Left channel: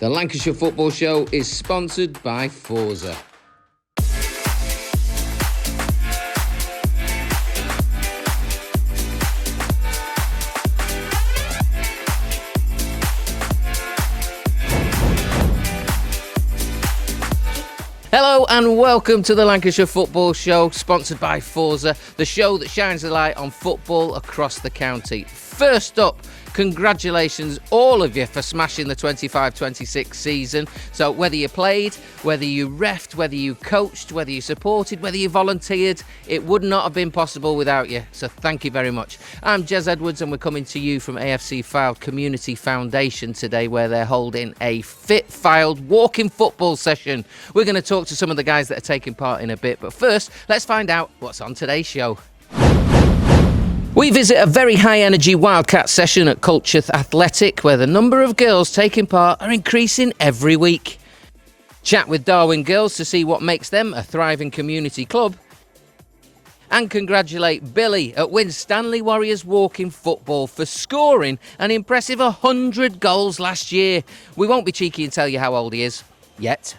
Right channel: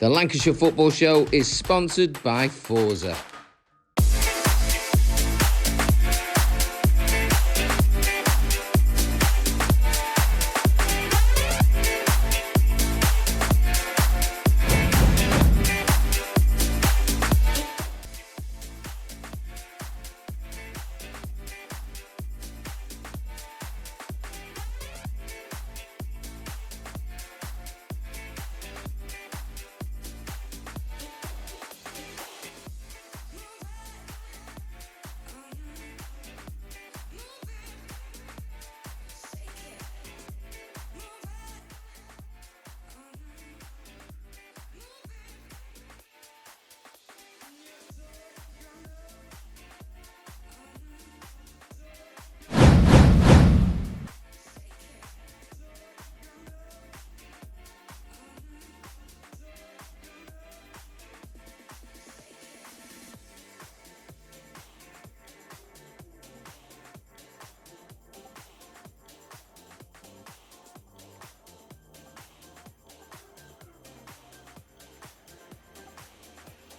The Lancashire Football Show is sponsored by Forza. Hello and welcome to the Lancashire Football Show, sponsored by Forza, the show that shines a light on football across the county. First up, congratulations all of you for smashing the 25-26 season. So whether you played, whether you refed, whether you coached, whether you supported, whether you volunteered, it would not have been possible without you. So thank you very much. I'm Jez Edwards and we're coming to you from AFC Fylde Community Foundation today, where they're holding a Fit Fylde Walking Football session. We're going to talk to some of the guys that are taking part in a bit, but first let's find out what's on today's show. We visit a very high-energy Wildcat session at Culcheth Athletic, where the number of girls taking part are increasing every week. Chat with Darwen Girls to see what makes them a thriving community club. And congratulate Billy at Winstanley Warriors Walking Football for scoring an impressive 100 goals last year. We won't be cheeky and tell you how old he is, yet.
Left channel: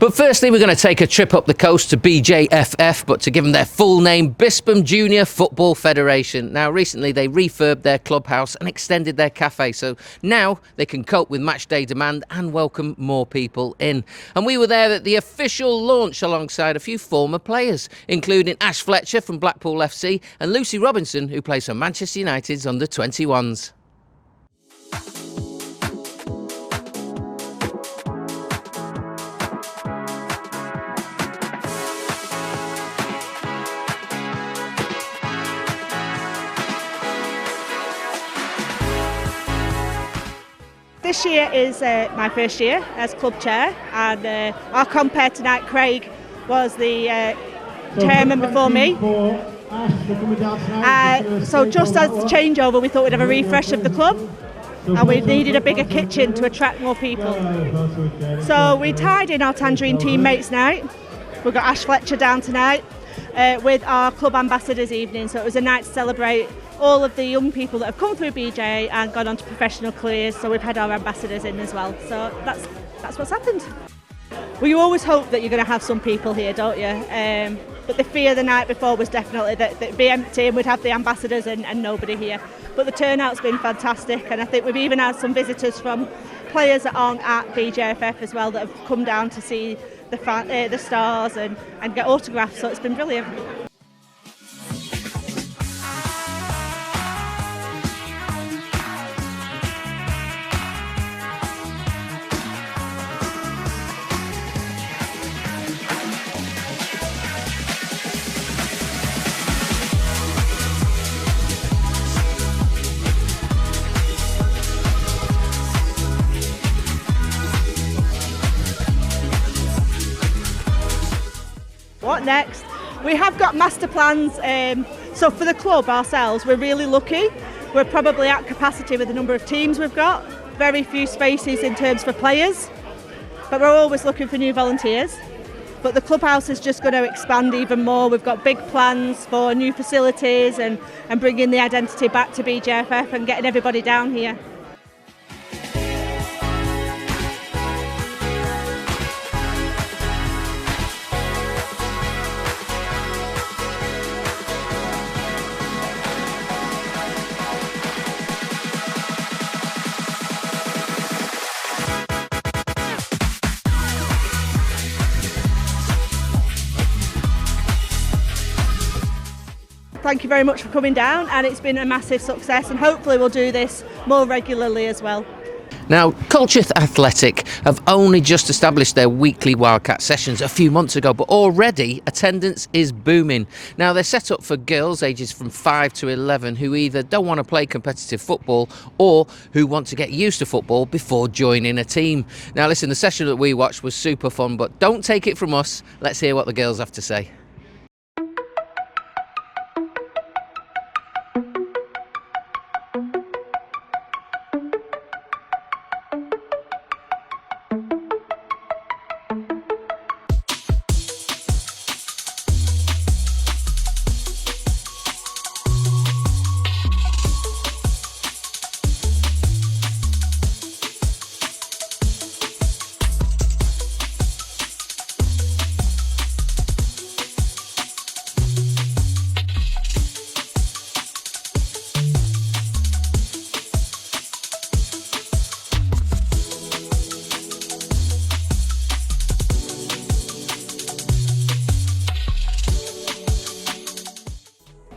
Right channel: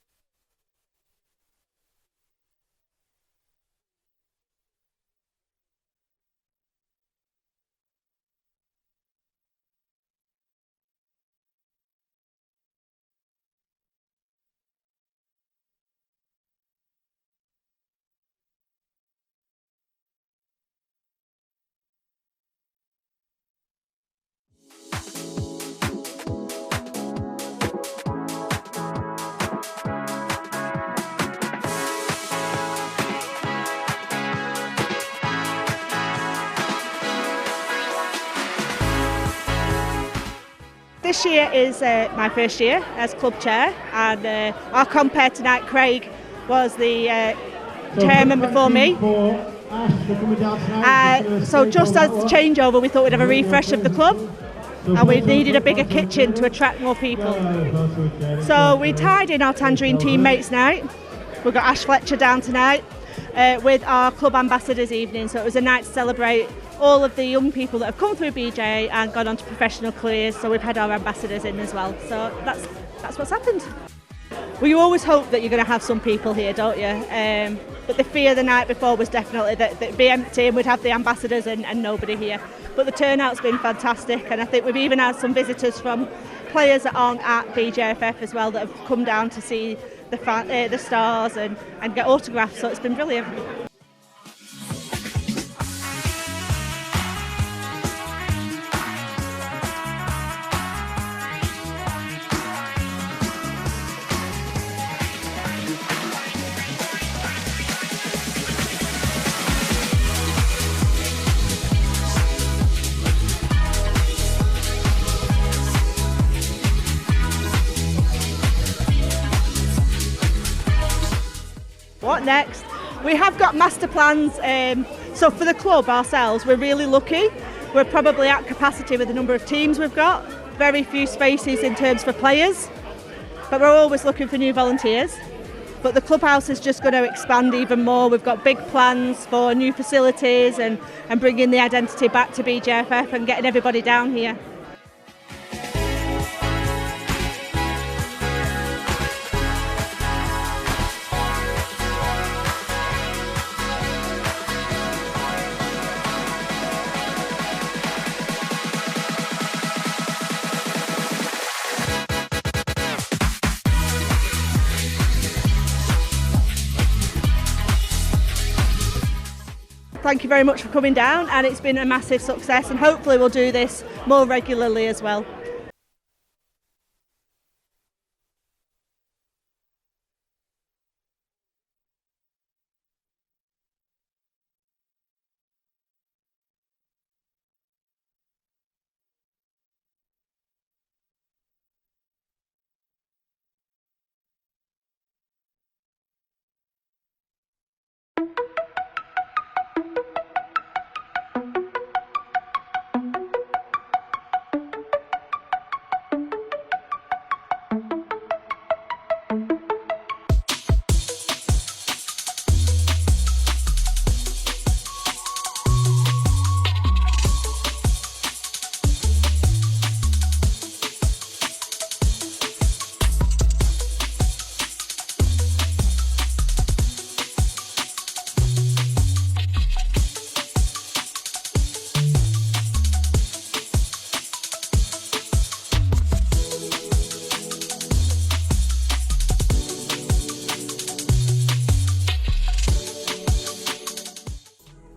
But firstly, we're going to take a trip up the coast to BJFF, but to give them their full name, Bispham Junior Football Federation. Now, recently they refurbed their clubhouse and extended their cafe, so now they can cope with match day demand and welcome more people in. And we were there at the official launch alongside a few former players, including Ash Fletcher from Blackpool FC and Lucy Robinson, who plays for Manchester United's under-21s. This year is my first year as club chair, and our compere tonight, Craig, was the chairman before me. So just as the changeover, we thought we'd have a refresh of the club, and we needed a bigger kitchen to attract more people. So we tied in our Tangerine teammates night. We've got Ash Fletcher down tonight with our club ambassadors evening, so it was a night to celebrate all of the young people that have come through BJ and gone on to professional careers, so we've had our ambassadors in as well. So that's what's happened. Well, you always hope that you're going to have some people here, don't you? But the fear the night before was definitely that it'd be empty and we'd have the ambassadors and nobody here. But the turnout's been fantastic, and I think we've even had some visitors from players that aren't at BJFF as well that have come down to see the stars and get autographs, so it's been brilliant. What next? We have got master plans, so for the club ourselves, we're really lucky. We're probably at capacity with the number of teams we've got, very few spaces in terms for players, but we're always looking for new volunteers. But the clubhouse is just going to expand even more. We've got big plans for new facilities and bringing the identity back to BJFF and getting everybody down here. Thank you very much for coming down, and it's been a massive success, and hopefully we'll do this more regularly as well. Now, Culcheth Athletic have only just established their weekly Wildcat sessions a few months ago, but already attendance is booming. Now, they're set up for girls ages from 5 to 11 who either don't want to play competitive football or who want to get used to football before joining a team. Now, listen, the session that we watched was super fun, but don't take it from us. Let's hear what the girls have to say.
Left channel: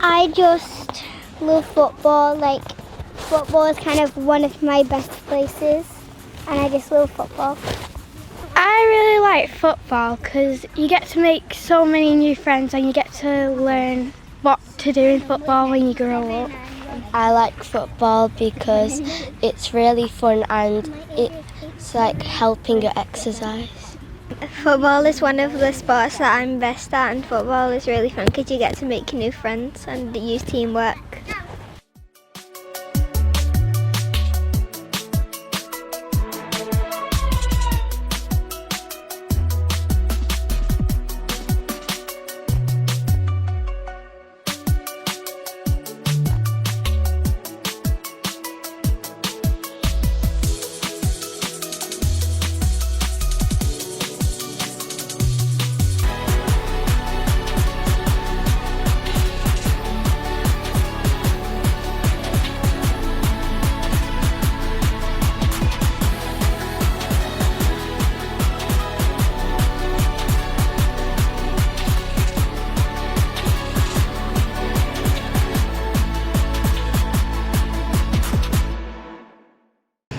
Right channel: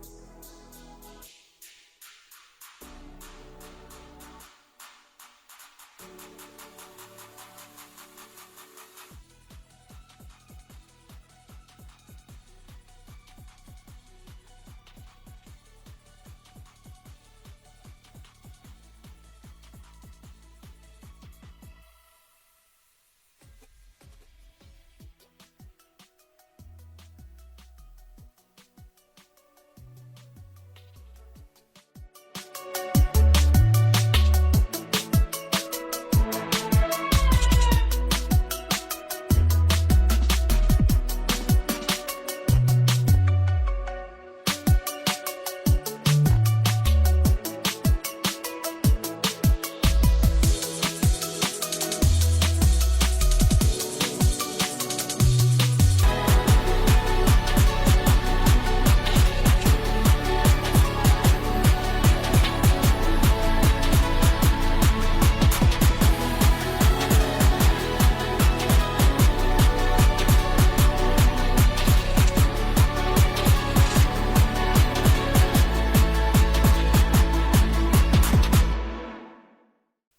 I just love football. Like, football is kind of one of my best places, and I just love football. I really like football because you get to make so many new friends and you get to learn what to do in football when you grow up. I like football because it's really fun and it's like helping your exercise. Football is one of the sports that I'm best at, and football is really fun because you get to make new friends and use teamwork.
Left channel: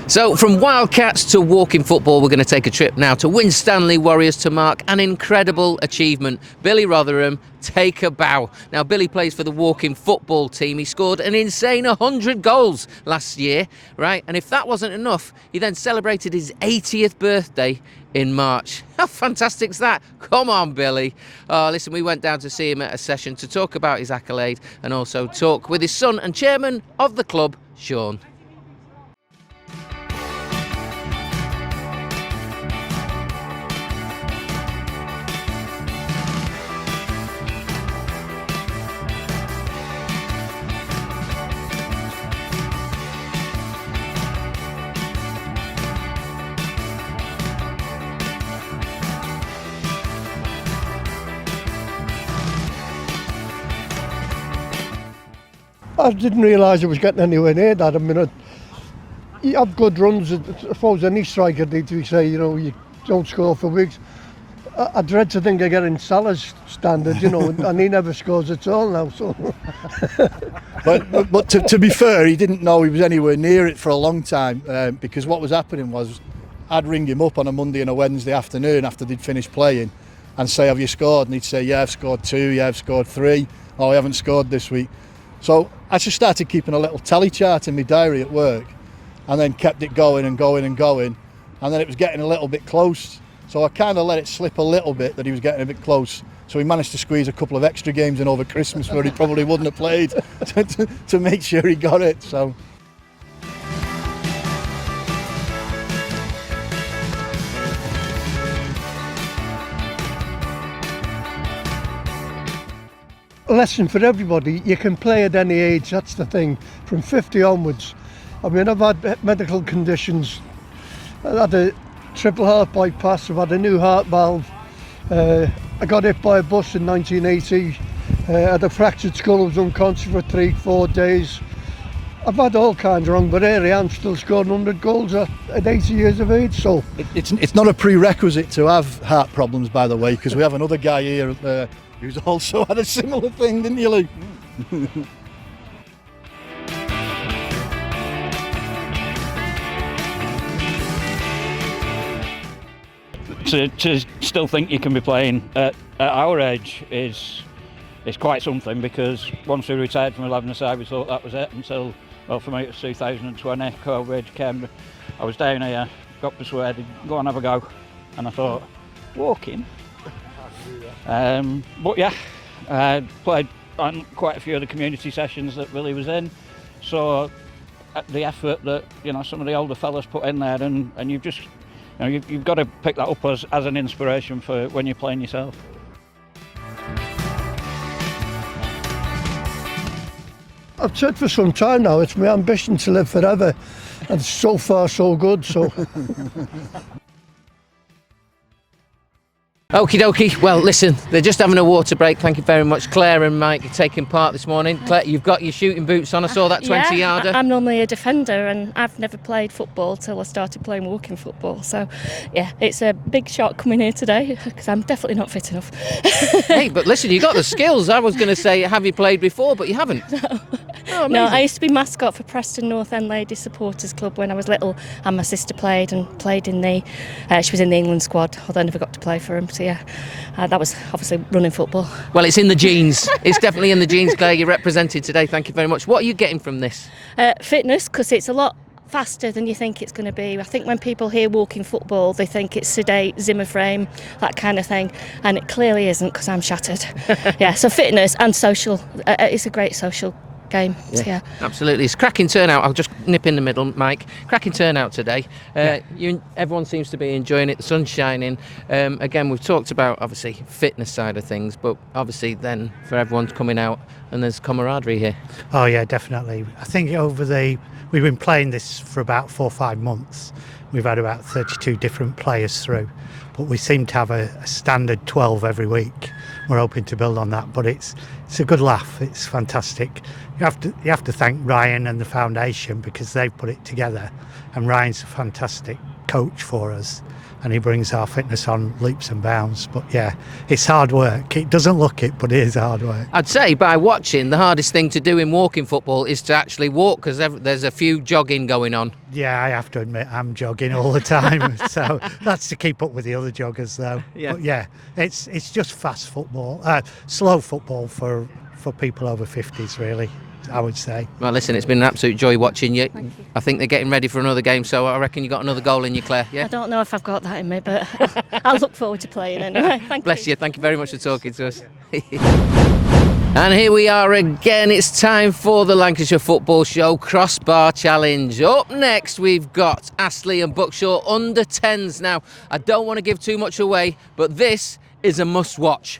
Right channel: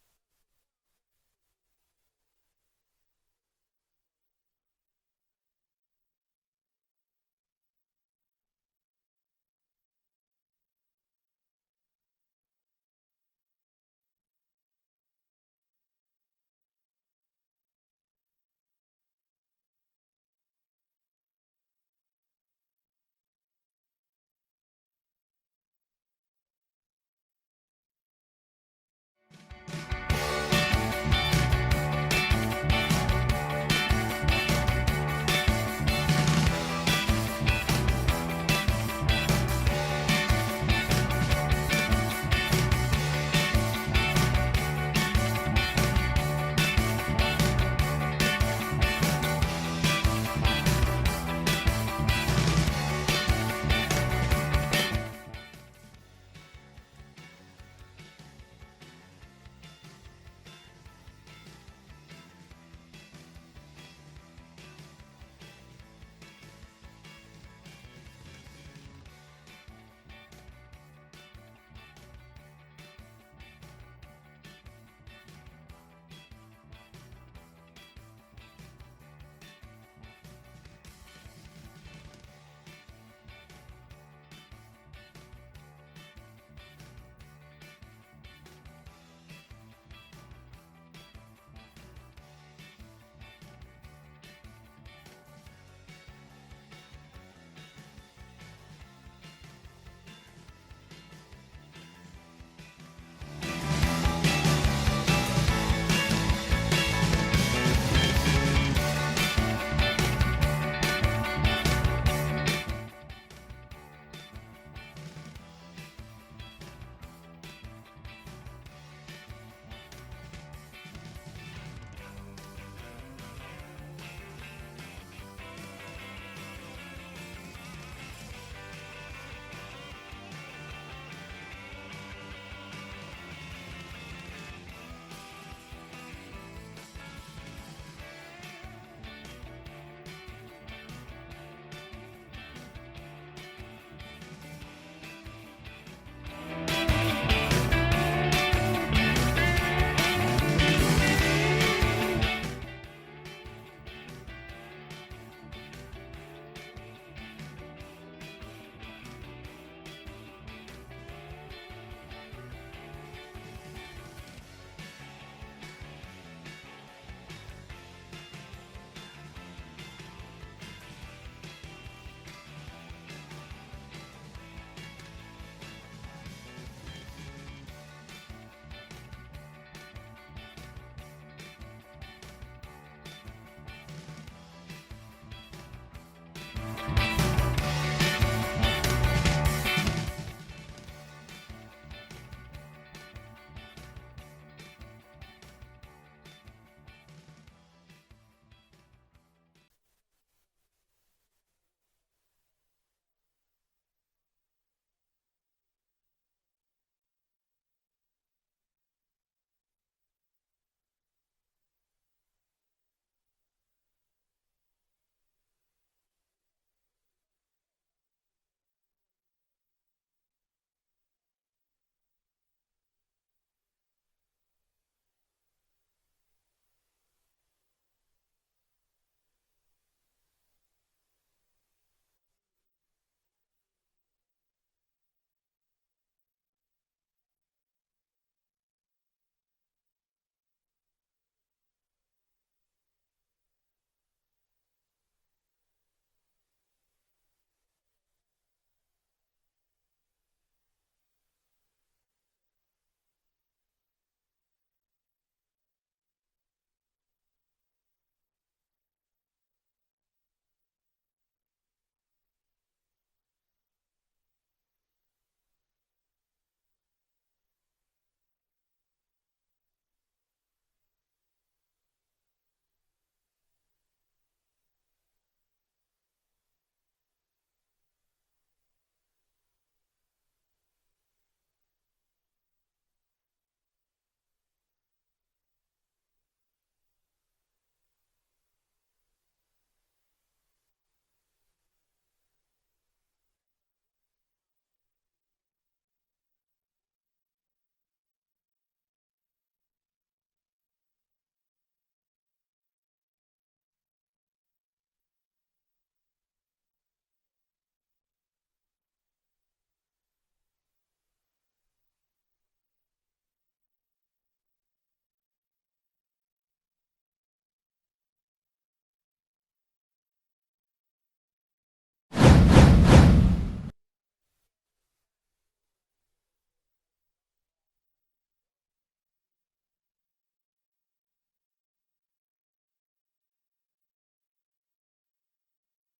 So from Wildcats to walking football, we're going to take a trip now to Winstanley Warriors to mark an incredible achievement. Billy Rotherham, take a bow. Now, Billy plays for the walking football team. He scored an insane 100 goals last year, right? And if that wasn't enough, he then celebrated his 80th birthday in March. How fantastic is that? Come on, Billy. Oh, listen, we went down to see him at a session to talk about his accolade and also talk with his son and chairman of the club, Sean. I didn't realise I was getting anywhere near that. I mean, you have good runs. I suppose any striker did. We say, you know, you don't score for weeks. I dread to think of getting Salah's standard, you know, and he never scores at all now. So, but to be fair, he didn't know he was anywhere near it for a long time because what was happening was I'd ring him up on a Monday and a Wednesday afternoon after they'd finished playing and say, have you scored? And he'd say, yeah, I've scored 2, yeah, I've scored 3. Oh, I haven't scored this week. So I just started keeping a little tally chart in my diary at work and then kept it going and going and going. And then it was getting a little bit close. So I kind of let it slip a little bit that he was getting a bit close. So we managed to squeeze a couple of extra games in over Christmas where he probably wouldn't have played to make sure he got it. So. a lesson for everybody. You can play at any age, that's the thing, from 50 onwards. I mean, I've had medical conditions. I had a triple heart bypass, I've had a new heart valve. I got hit by a bus in 1980. I had a fractured skull, I was unconscious for 3-4 days. I've had all kinds wrong, but here I am still scoring 100 goals at 80 years of age. So it's not a prerequisite to have heart problems, by the way, because we have another guy here who's also had a similar thing, didn't you, Luke? To still think you can be playing at our age is quite something, because once we retired from 11-a-side we thought that was it until, well, for me it was 2020, COVID came. I was down here, got persuaded, go and have a go, and I thought, walking? But yeah, I played on quite a few of the community sessions that Billy was in, so the effort that some of the older fellas put in there, and you've just you've got to pick that up as an inspiration for when you're playing yourself. I've said for some time now, it's my ambition to live forever, and so far so good. So Okie dokie. Well, listen, they're just having a water break. Thank you very much, Claire and Mike, for taking part this morning. Claire, you've got your shooting boots on. I saw that 20-yarder. I'm normally a defender, and I've never played football till I started playing walking football. So, yeah, it's a big shock coming here today because I'm definitely not fit enough. Hey, but listen, you got the skills. I was going to say, have you played before? But you haven't. No, I used to be mascot for Preston North End Ladies Supporters Club when I was little, and my sister played in the. She was in the England squad, although I never got to play for them. So yeah, that was obviously running football. Well, it's in the genes. It's definitely in the genes, Claire. You're represented today. Thank you very much. What are you getting from this? Fitness, because it's a lot faster than you think it's going to be. I think when people hear walking football, they think it's sedate, Zimmer frame, that kind of thing, and it clearly isn't because I'm shattered. Yeah, so fitness and social. It's a great social game. Yeah, so, yeah. Absolutely. It's cracking turnout. I'll just nip in the middle, Mike. Cracking turnout today. Everyone seems to be enjoying it. The sun's shining. Again, we've talked about obviously fitness side of things, but obviously then for everyone's coming out and there's camaraderie here. Oh yeah, definitely. I think we've been playing this for about 4 or 5 months. We've had about 32 different players through, but we seem to have a standard 12 every week. We're hoping to build on that, but it's a good laugh. It's fantastic. You have to thank Ryan and the foundation because they've put it together, and Ryan's a fantastic coach for us, and he brings our fitness on leaps and bounds. But yeah, it's hard work. It doesn't look it, but it is hard work. I'd say by watching, the hardest thing to do in walking football is to actually walk, because there's a few jogging going on. Yeah, I have to admit I'm jogging all the time, so that's to keep up with the other joggers though. Yeah. But yeah, it's just fast football, slow football for people over 50s really, I would say. Well, listen, it's been an absolute joy watching you. Thank you. I think they're getting ready for another game, so I reckon you got another goal in you, Claire. Yeah. I don't know if I've got that in me, but I'll look forward to playing anyway. Bless you. Thank you very much for talking to us. And here we are again. It's time for the Lancashire Football Show Crossbar Challenge. Up next, we've got Astley and Buckshaw under 10s. Now, I don't want to give too much away, but this is a must-watch.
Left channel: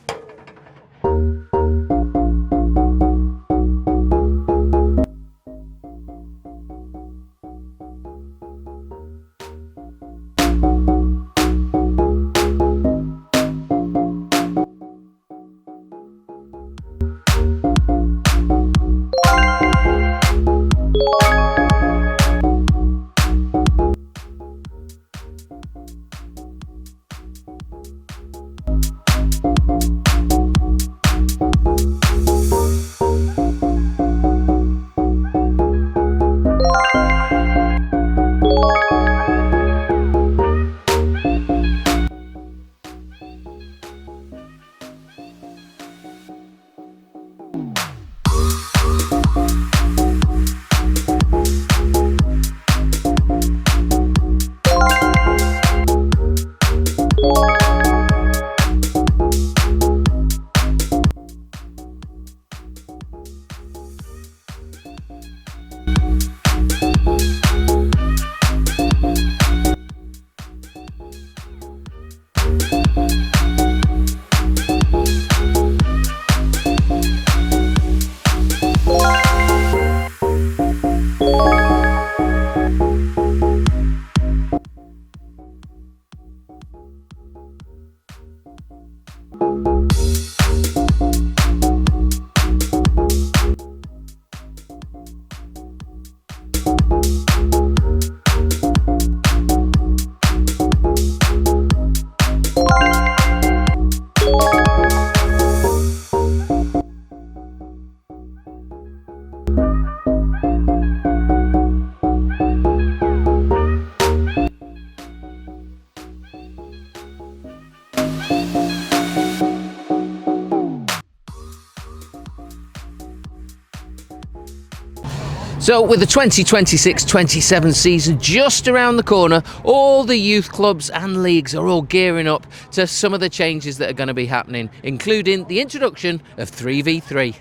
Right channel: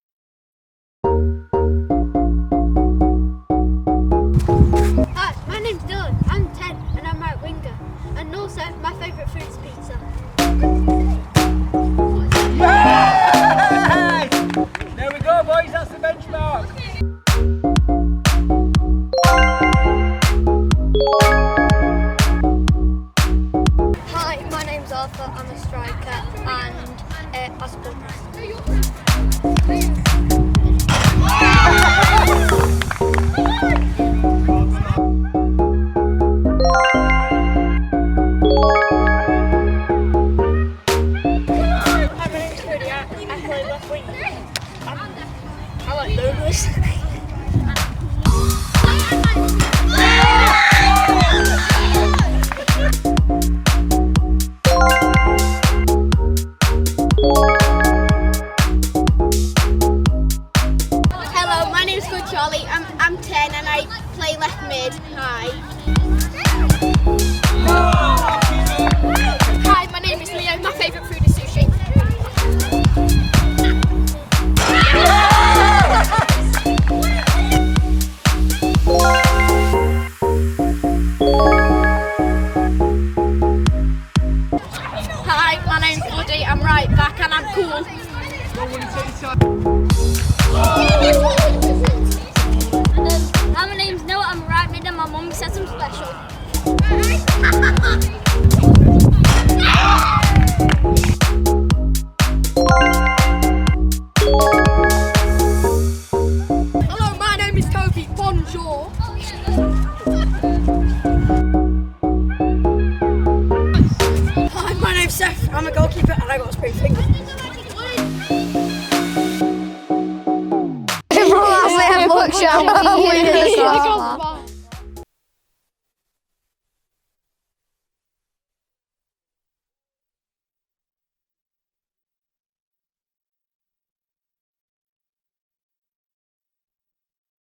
So with the 2026-27 season just around the corner, all the youth clubs and leagues are all gearing up to some of the changes that are going to be happening, including the introduction of 3v3.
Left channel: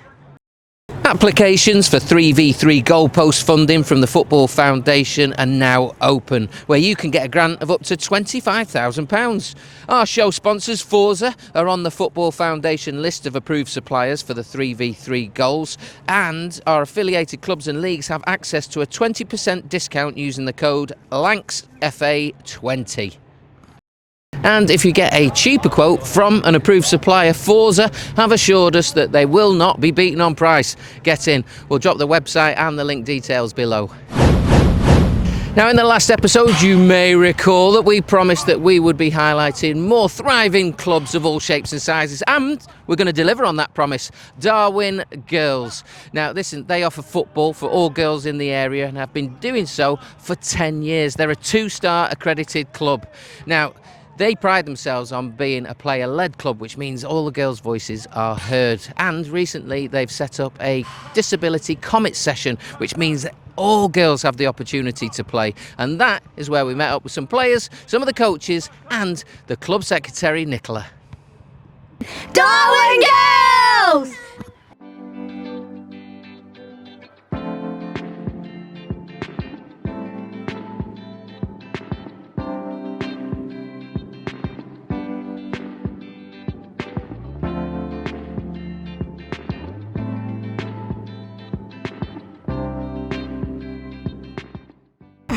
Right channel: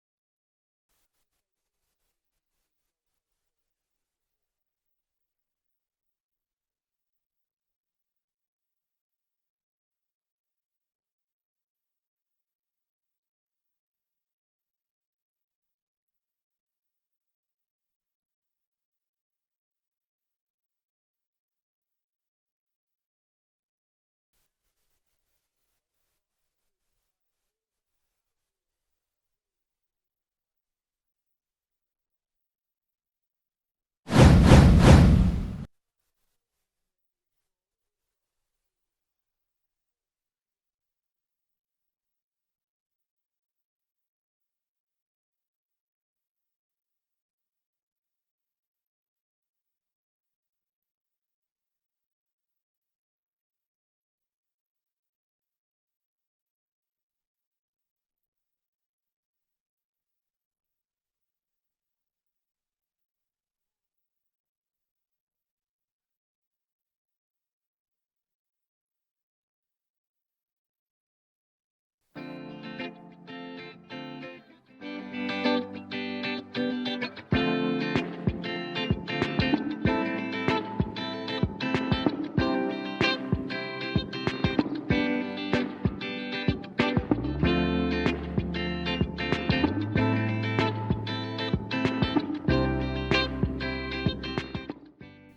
Applications for 3v3 goalpost funding from the Football Foundation are now open, where you can get a grant of up to £25,000. Our show sponsors, Forza, are on the Football Foundation list of approved suppliers for the 3v3 goals, and our affiliated clubs and leagues have access to a 20% discount using the code LANCSFA20. And if you get a cheaper quote from an approved supplier, Forza have assured us that they will not be beaten on price. Get in. We'll drop the website and the link details below. Now, in the last episode, you may recall that we promised that we would be highlighting more thriving clubs of all shapes and sizes, and we're going to deliver on that promise. Darwen Girls. Now, listen, they offer football for all girls in the area and have been doing so for 10 years. They're a 2-star accredited club. Now, they pride themselves on being a player-led club, which means all the girls' voices are heard. And recently, they've set up a disability comment session, which means that all girls have the opportunity to play. And that is where we met up with some players, some of the coaches, and the club secretary, Nicola. Darwen Girls!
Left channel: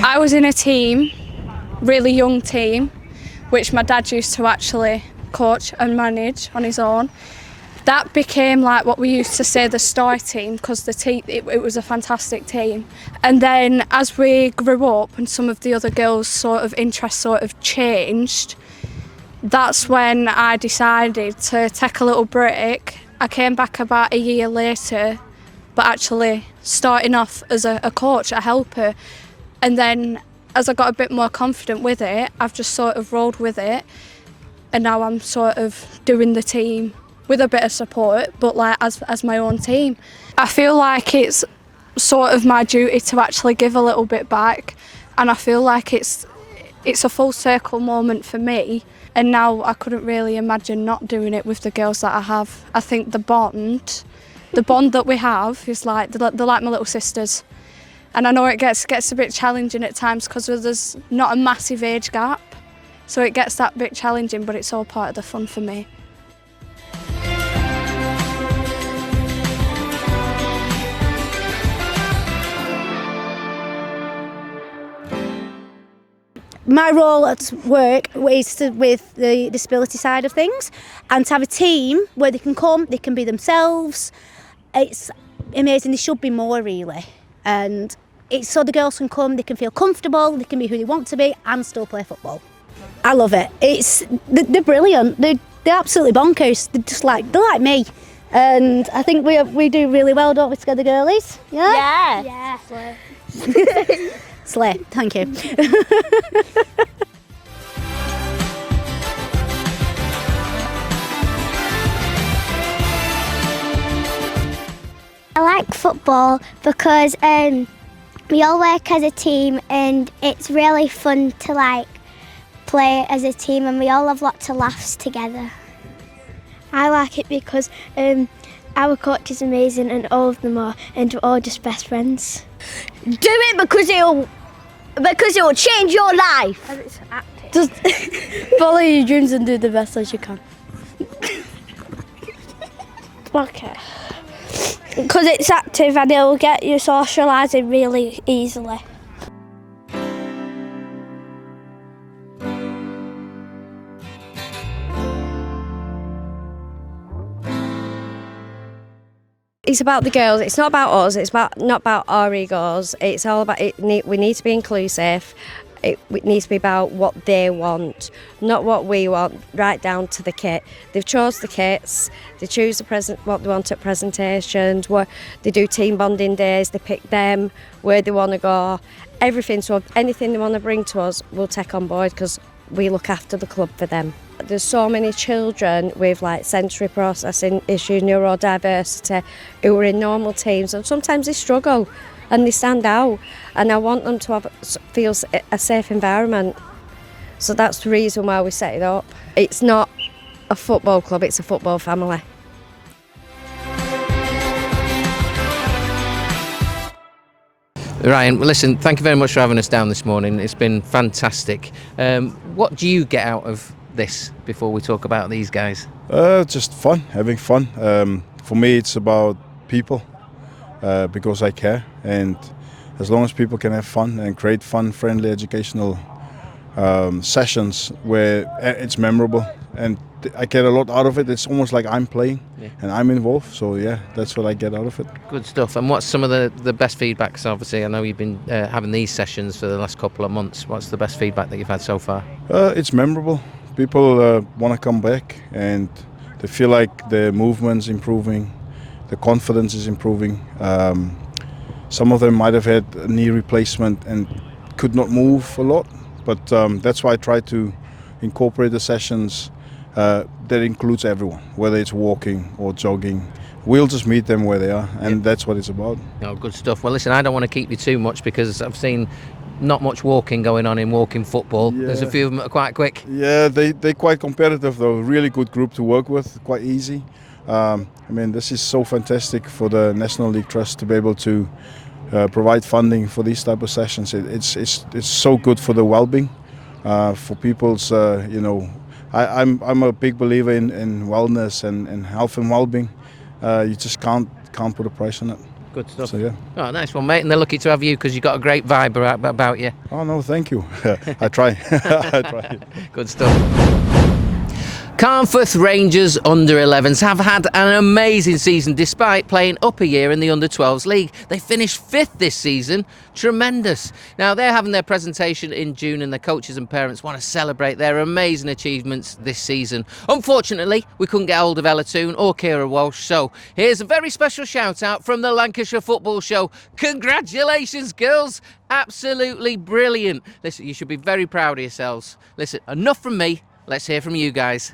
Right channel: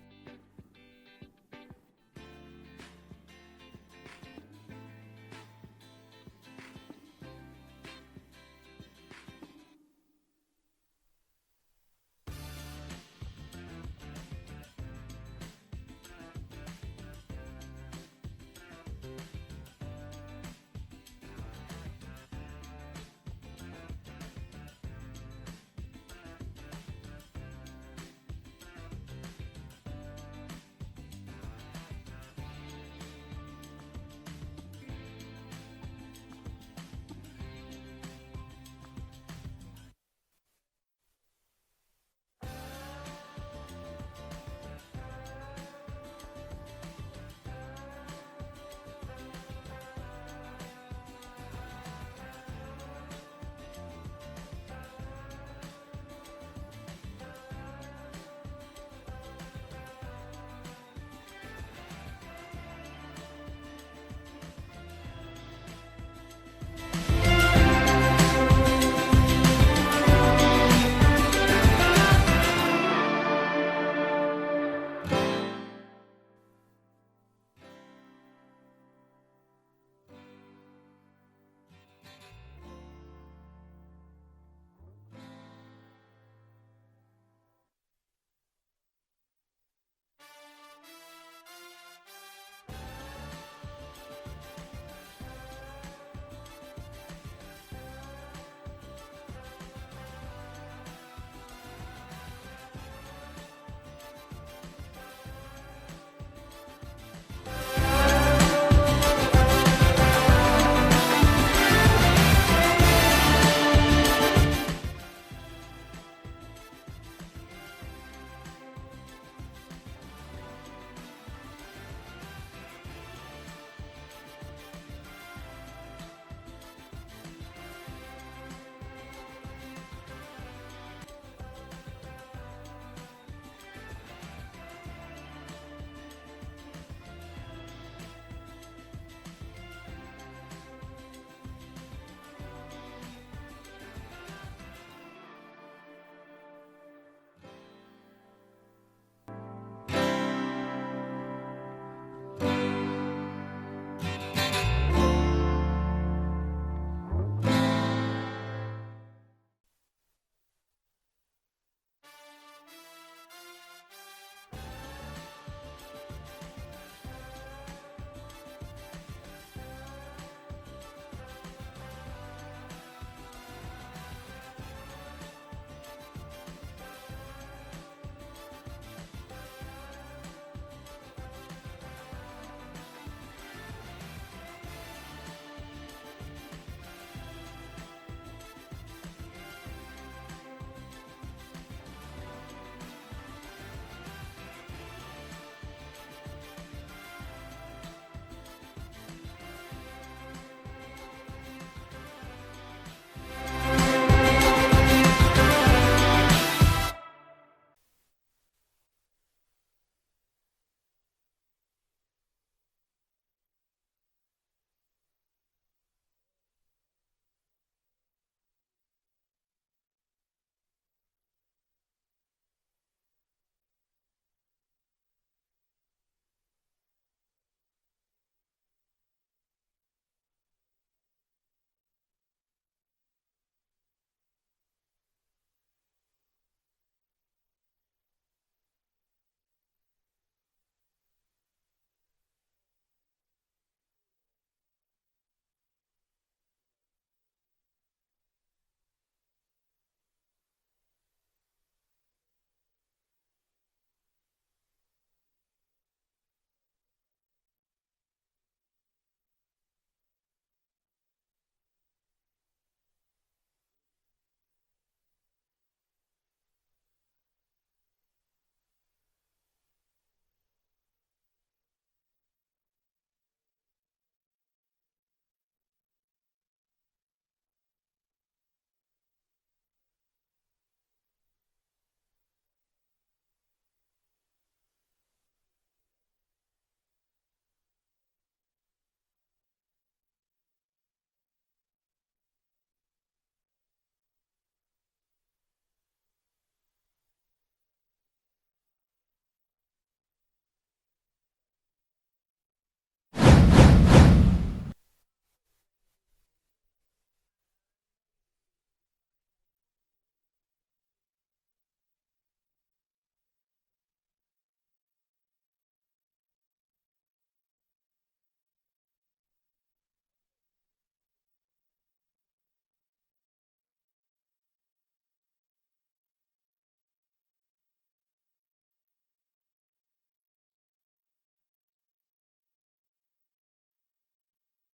I was in a team, really young team, which my dad used to actually coach and manage on his own. That became like what we used to say the star team, because the team it was a fantastic team. And then as we grew up and some of the other girls' sort of interests sort of changed, that's when I decided to take a little break. I came back about a year later, but actually starting off as a coach, a helper. And then as I got a bit more confident with it, I've just sort of rolled with it. And now I'm sort of doing the team with a bit of support, but like as my own team. I feel like it's sort of my duty to actually give a little bit back. And I feel like it's a full circle moment for me. And now I couldn't really imagine not doing it with the girls that I have. I think the bond that we have is like, they're like my little sisters. And I know it gets a bit challenging at times because there's not a massive age gap. So it gets that bit challenging, but it's all part of the fun for me. My role at work is with the disability side of things, and to have a team where they can come, they can be themselves. It's amazing. There should be more, really. And it's so the girls can come, they can feel comfortable, they can be who they want to be and still play football. I love it. They're brilliant. They're absolutely bonkers. They're like me. And I think we do really well, don't we, together, girlies? Yeah? Yeah. Slay. Slay, thank you. I like football because we all work as a team and it's really fun to like play as a team and we all have lots of laughs together. I like it because our coach is amazing and all of them are, and we're all just best friends. Do it because it'll change your life. And it's active. Just follow your dreams and do the best as you can. Okay. Because it's active and it'll get you socialising really easily. It's about the girls. It's not about us. It's not about our egos. It's all about it. We need to be inclusive. It needs to be about what they want, not what we want. Right down to the kit. They've chose the kits. They choose what they want at presentations. They do team bonding days. They pick them where they want to go. Everything. So anything they want to bring to us, we'll take on board because we look after the club for them. There's so many children with like sensory processing issues, neurodiversity, who are in normal teams, and sometimes they struggle and they stand out, and I want them to feel a safe environment. So that's the reason why we set it up. It's not a football club, it's a football family. Ryan, well, listen, thank you very much for having us down this morning. It's been fantastic. What do you get out of this before we talk about these guys? Just fun, having fun. For me, it's about people because I care, and as long as people can have fun and create fun, friendly, educational sessions where it's memorable and I get a lot out of it. It's almost like I'm playing and I'm involved. So yeah, that's what I get out of it. Good stuff. And what's some of the best feedback? 'Cause obviously I know you've been having these sessions for the last couple of months. What's the best feedback that you've had so far? It's memorable. People want to come back and they feel like the movement's improving, the confidence is improving. Some of them might have had a knee replacement and could not move a lot, but that's why I try to incorporate the sessions that includes everyone, whether it's walking or jogging. We'll just meet them where they are, and that's what it's about. Oh, good stuff. Well, listen, I don't want to keep you too much because I've seen not much walking going on in walking football. Yeah. There's a few of them that are quite quick. Yeah, they're quite competitive though. Really good group to work with, quite easy. I mean, this is so fantastic for the National League Trust to be able to provide funding for these type of sessions. It's so good for the well-being, for people's, I'm a big believer in wellness and health and well-being. You just can't put a price on it. Good stuff. So, yeah. Oh, nice one, mate. And they're lucky to have you because you've got a great vibe about you. Oh, no, thank you. I try. I try. Good stuff. Carnforth Rangers under-11s have had an amazing season despite playing up a year in the under-12s league. They finished 5th this season. Tremendous. Now, they're having their presentation in June and their coaches and parents want to celebrate their amazing achievements this season. Unfortunately, we couldn't get hold of Ella Toon or Kira Walsh, so here's a very special shout-out from the Lancashire Football Show. Congratulations, girls. Absolutely brilliant. Listen, you should be very proud of yourselves. Listen, enough from me. Let's hear from you guys.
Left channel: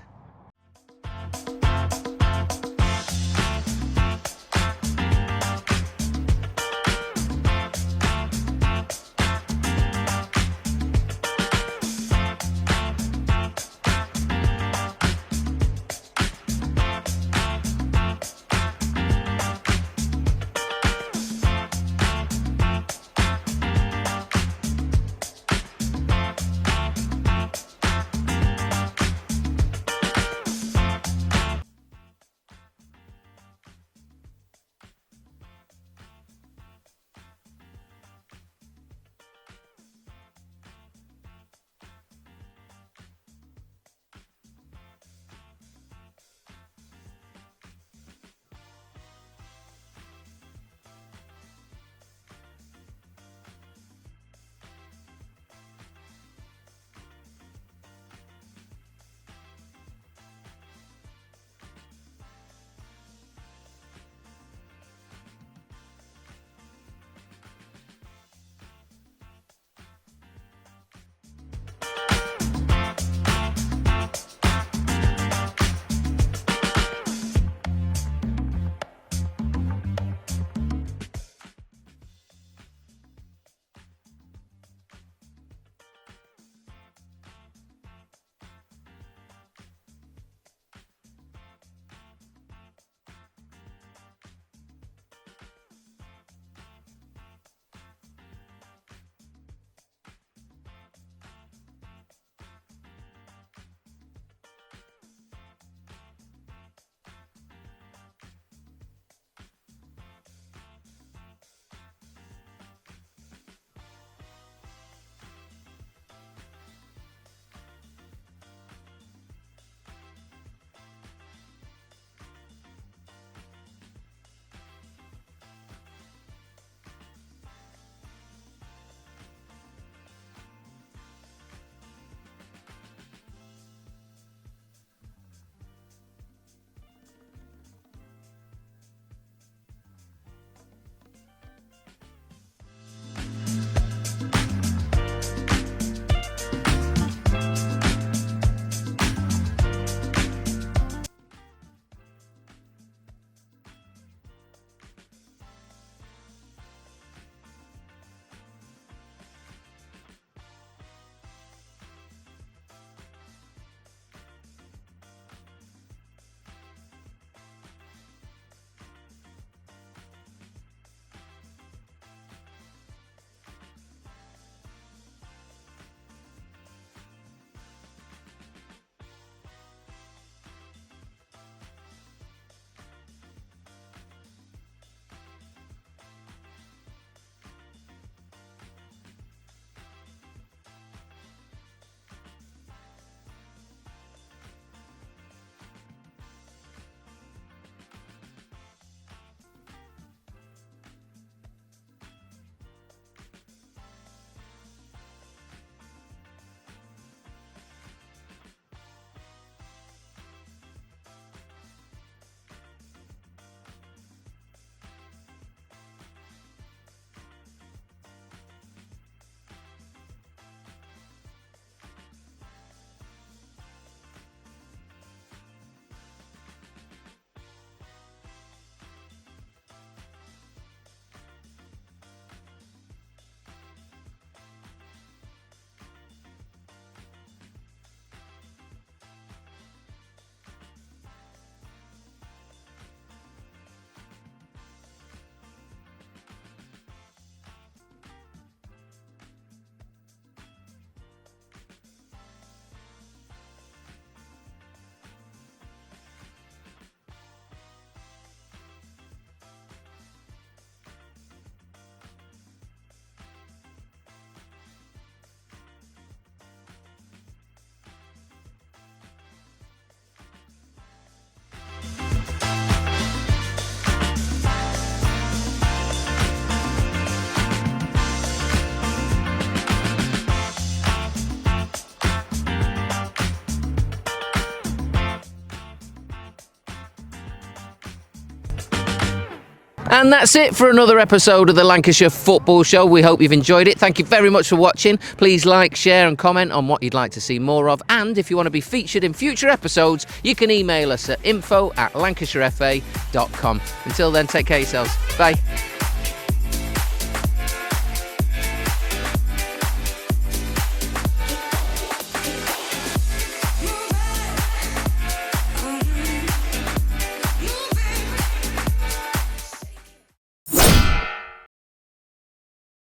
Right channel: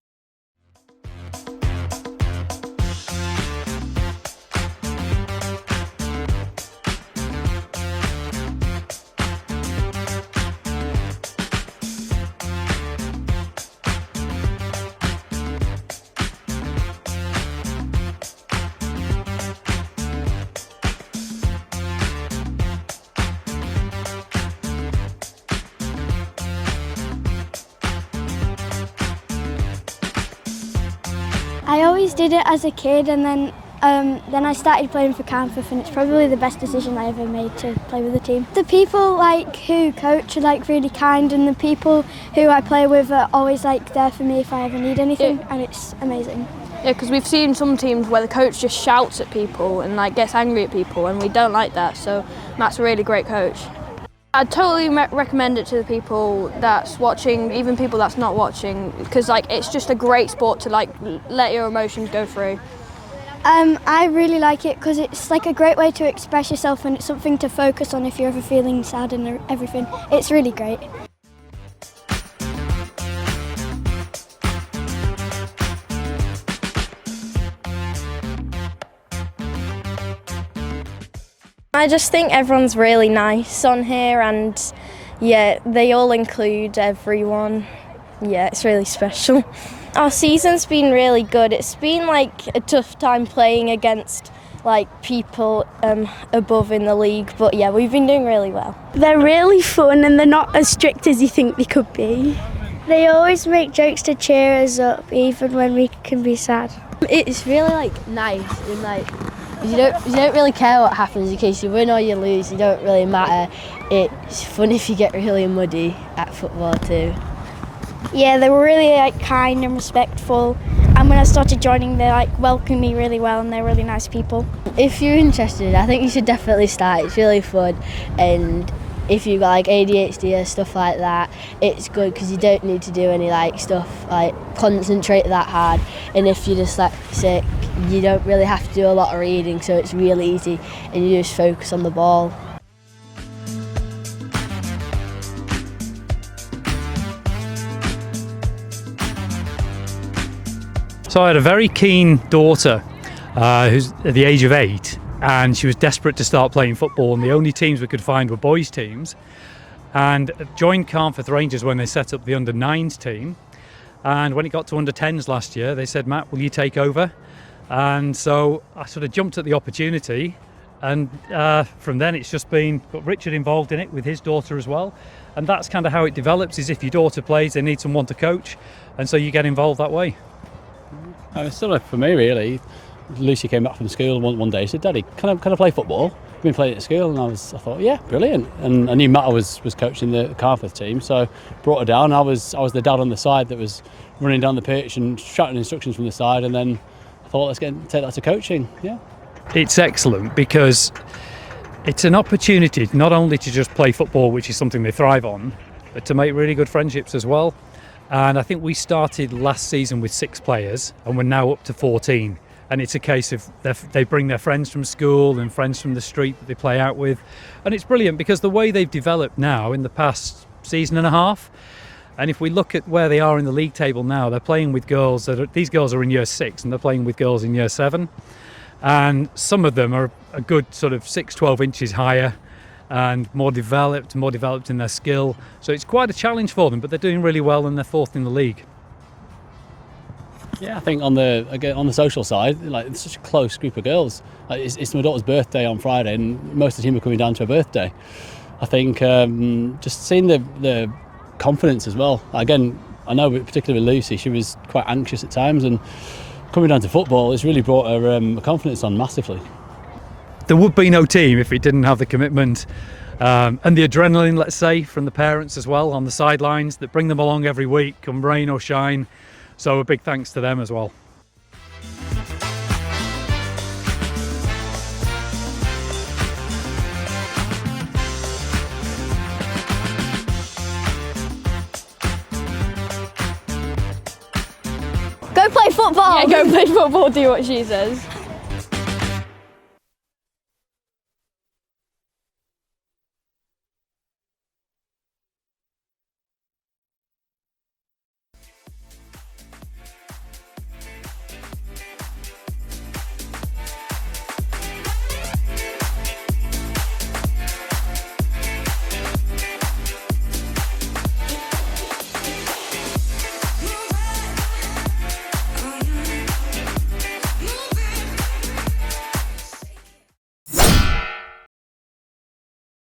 And that's it for another episode of the Lancashire Football Show. We hope you've enjoyed it. Thank you very much for watching. Please like, share and comment on what you'd like to see more of. And if you want to be featured in future episodes, you can email us at info@lancashirefa.com. Until then, take care of yourselves. Bye.